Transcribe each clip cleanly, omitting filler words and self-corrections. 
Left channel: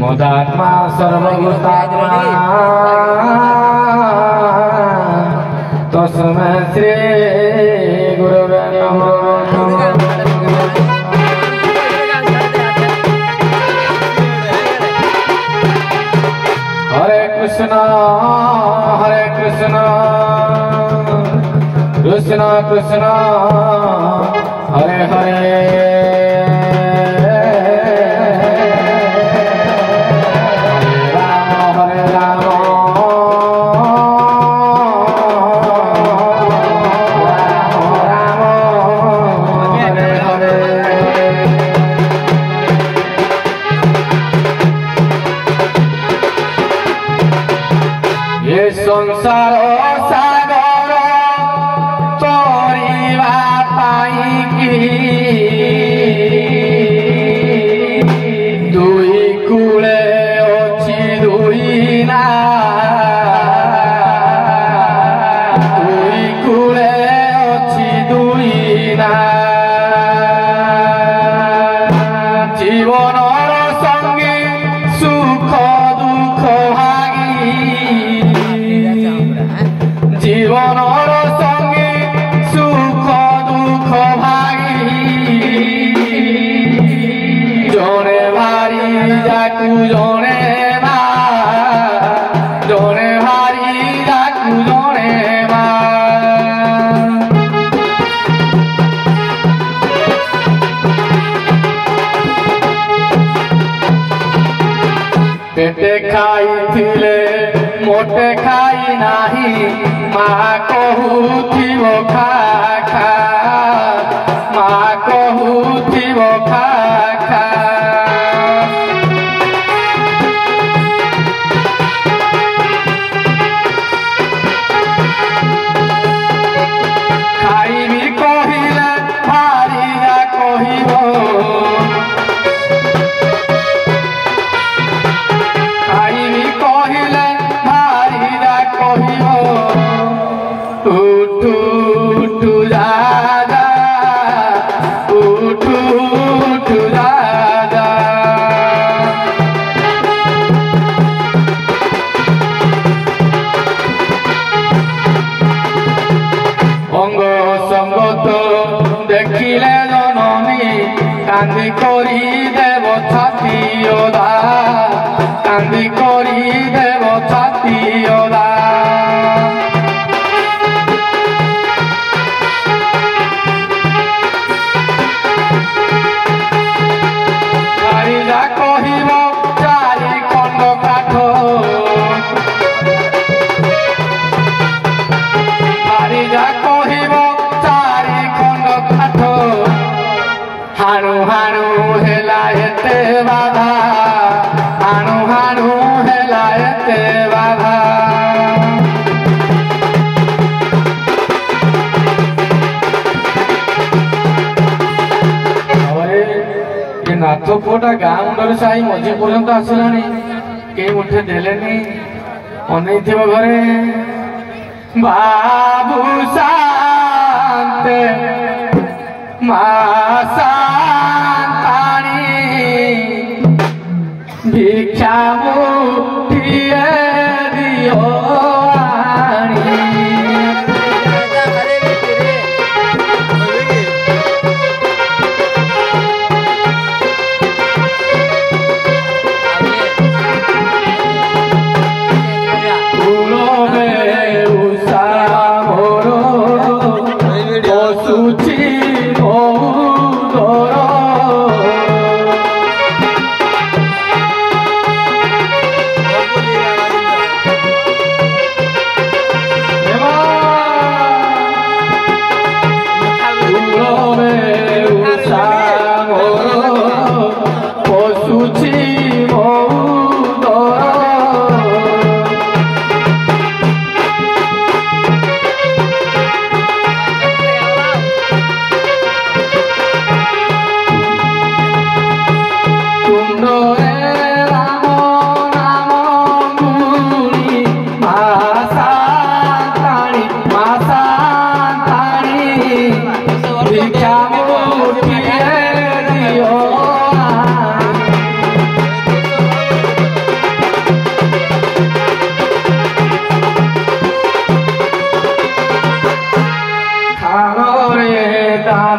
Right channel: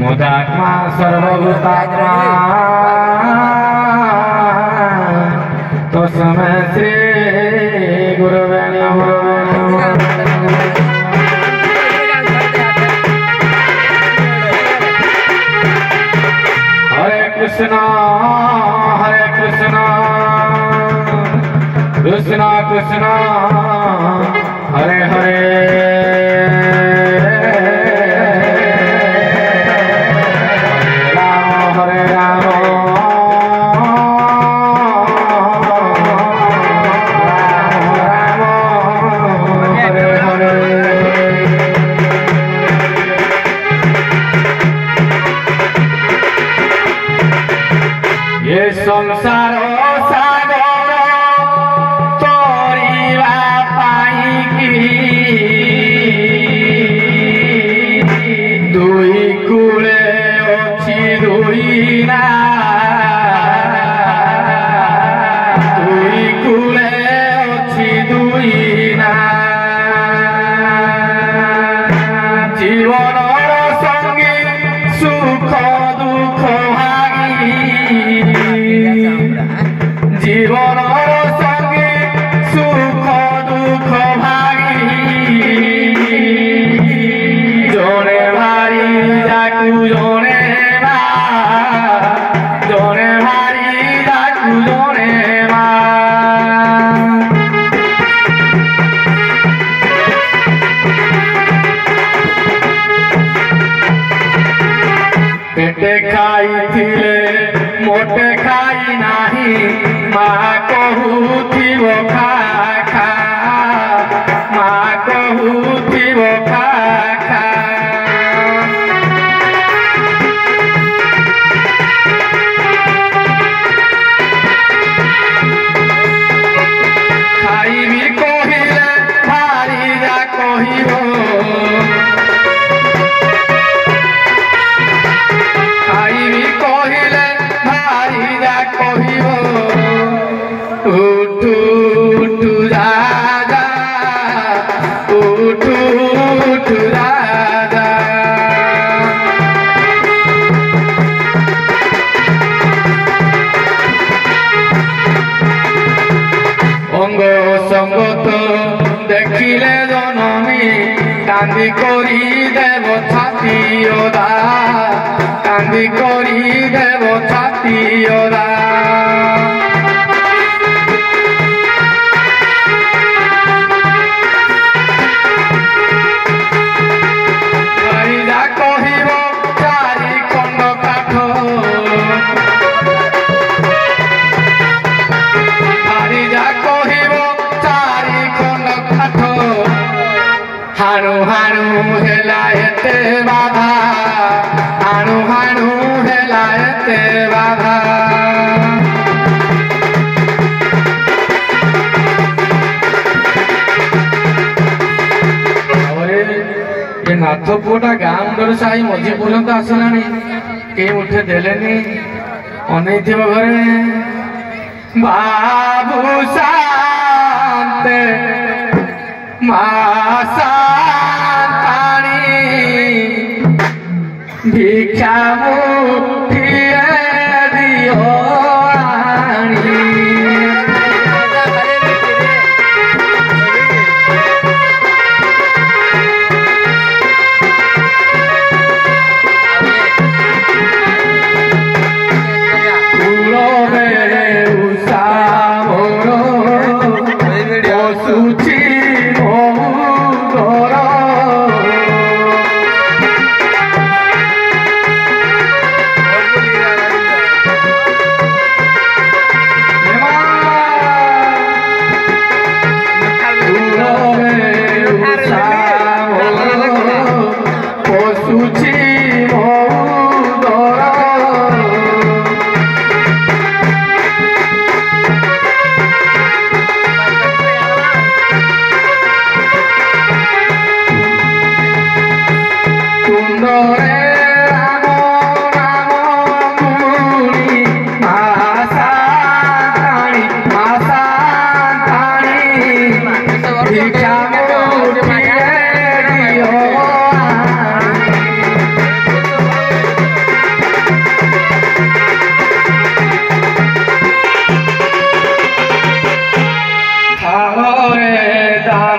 मुदात्मा सर्वभूतात्मा तस्मै श्री गुरुवे नमः। हरे कृष्ण कृष्ण कृष्ण हरे हरे संसार सागर तोरिवा पाइकी दुई कूले अछि दुई ना दुई कूले अछि दुई ना जीवनर संगे सुख दुख जीवनर संगे सुख दुख भागी जने भारी जाकू जने भारी जाकू जने पेटे खाई थिले मोटे खाई नाही माँ कहूथिव खा खा माँ कहूथिव खा खा खाइबी कहिले भारीरा कहिब खाइबी कहिले भारीरा कहिब उठू उठू राजा उठू उठू राजा अंग संगत देखिले जननी कांदी करी देव छाती ओदा कांदी करी देव छाती ओदा हाणु हाणु हेलायते बाधा हाणु हाणु हेलायते बाधा ये नाथपुरा गाँ मुंडर साई मझी पर्यंत आसलानी के उठे देलेनी अनैथिब घरे बाबू शांते भिक्षा मुठिए दियो आनी फूलो में उषा मोरो सुची मोरो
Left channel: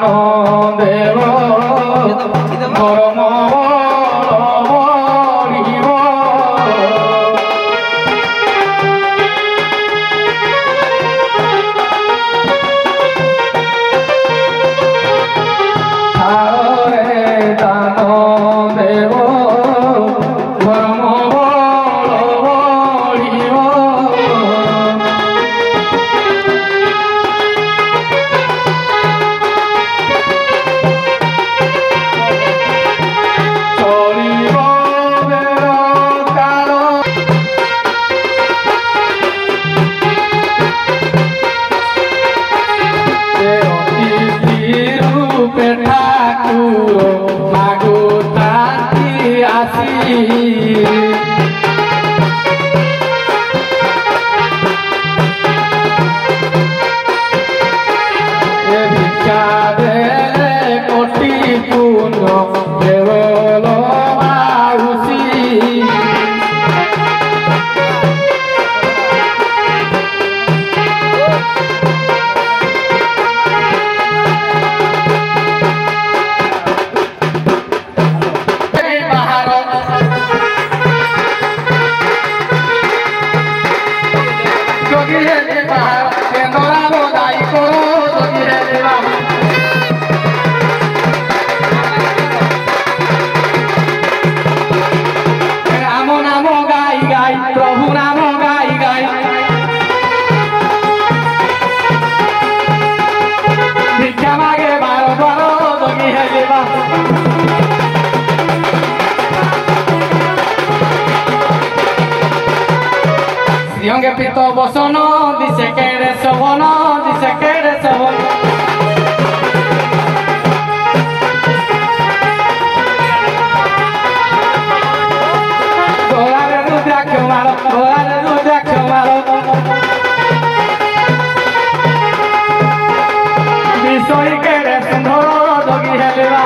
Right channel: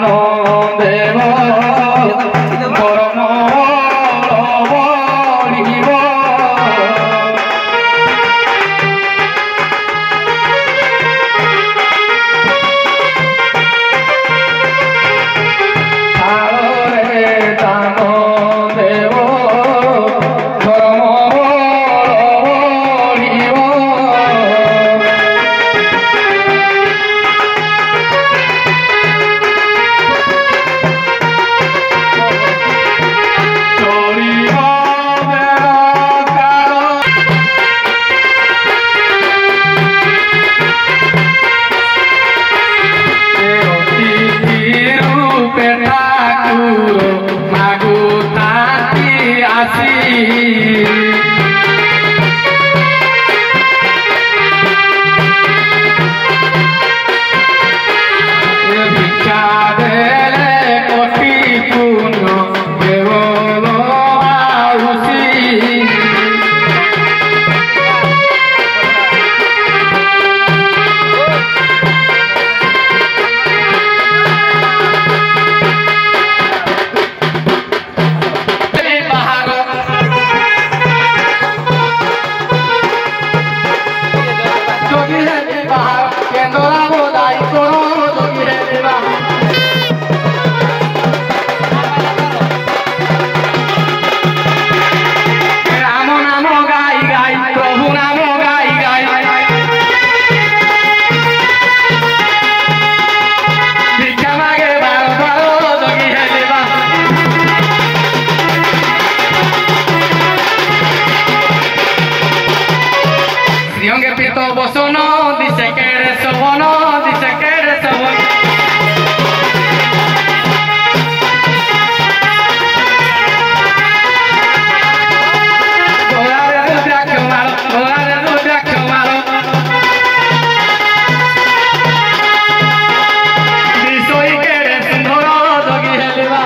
दानो देव गरम বসন দিছে কেড়ে সবন দিছে কেড়ে সবন ঘোড়ারে রুদ্রাক্ষ মারো বিষয় কেড়ে সুন্দর দগি হেলিবা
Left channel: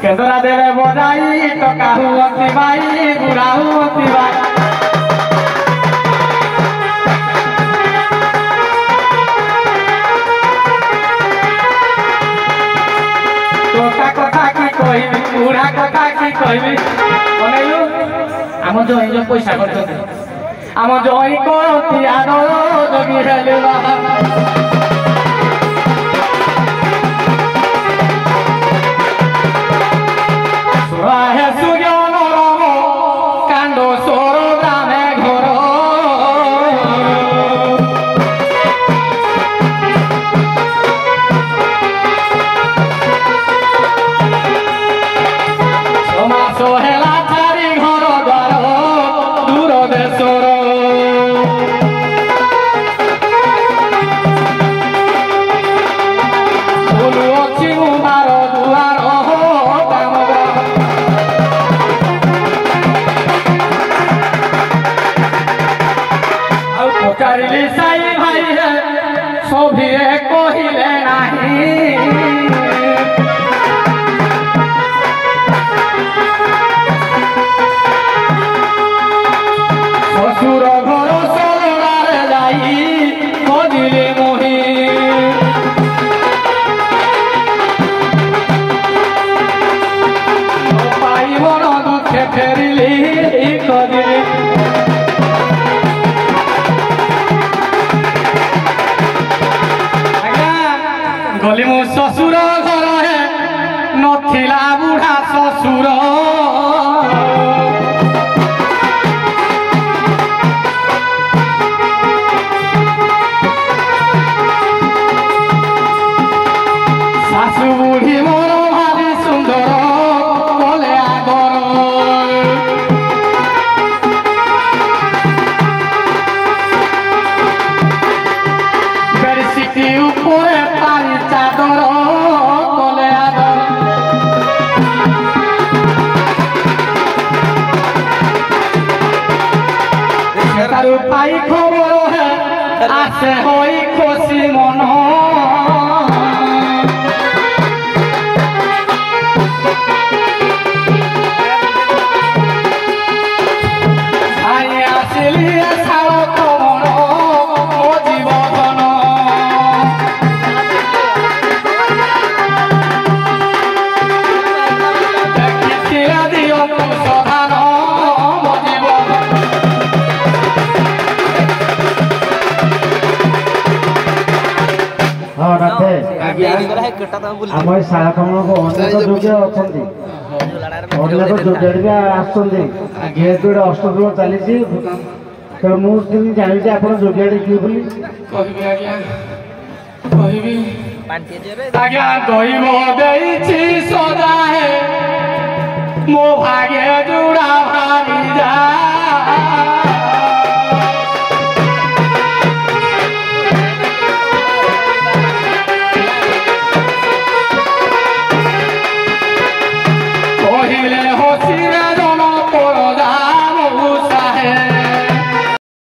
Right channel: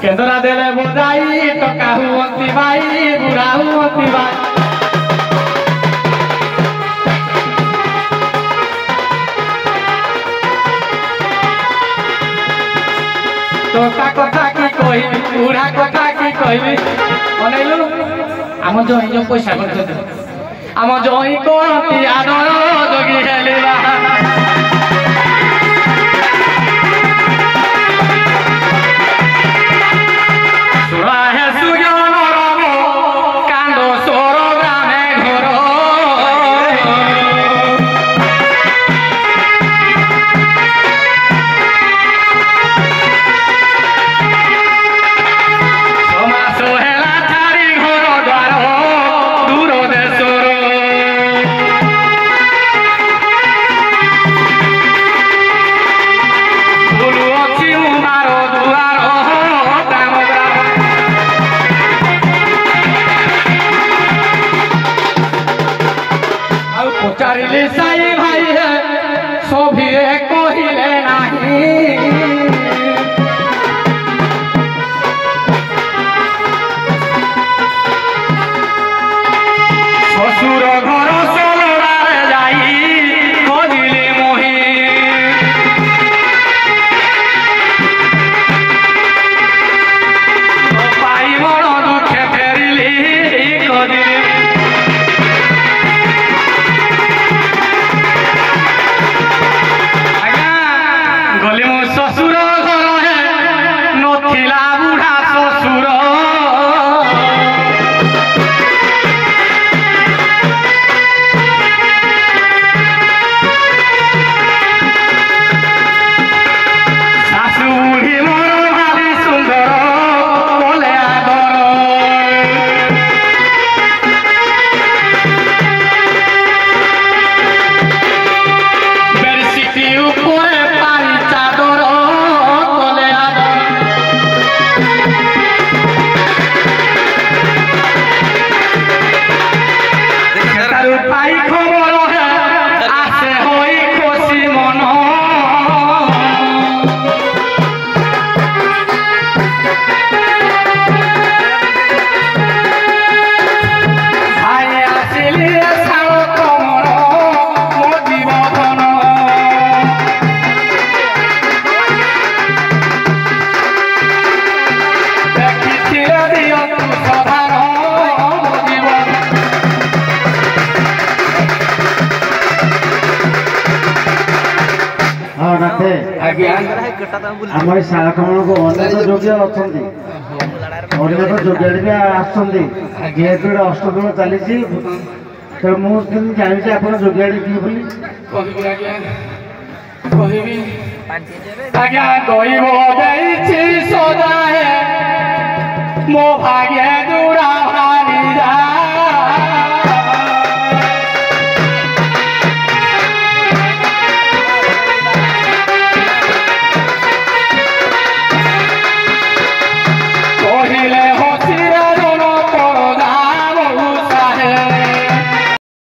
केंद्रा देले बजाई टका हुअती बाई बुढ़ा हुअती बाई टोका कथा की कही बुढ़ा कथा की कहबी अनेलु आम जई जो पैसा करते आम जई करती आदर जगी हेलिबा राहे सुजन राम कांद सोर ग्रामे घर समास हेला छाड़ी घर द्वार दूर देशर फूल अच्छी मार दुआर पचारिली साई भाई है सभी कहले नहीं ससुर घर सोलरारे जाई कदिले मोही पाई मन दुखे फेरिली कदिले गली मो ससुर घर है नथिला बुढ़ा ससुर सासु बुढ़ी मोर भारी सुंदर बोले आदर बेडशीट ऊपर पानी चादर तले आदर तारू पाई खबर है आसे होई खुशी मन ଆମ ଏଇ ଶାଳକମଳକୁ ଅନେକ ଯୋଗ୍ୟ ଅଛନ୍ତି, ଅନେକ ଯୋଗ୍ୟ ଆସୁଛନ୍ତି। ଯେହେତୁ ଏଇଟା ଅଷ୍ଟପ୍ରହର ଚାଲିଛି, ତେଣୁ ମୁଁ କେମିତି ଜାଣିଛି ଆପଣ ଯୋଗ୍ୟାଟି କିଏ ବୋଲି? କହିବି ଆଜ୍ଞା, କହିବି ଆଜ୍ଞା। ଦୈବ ଦେଇଛି ସଦାଏ ମୋ ଭାଇ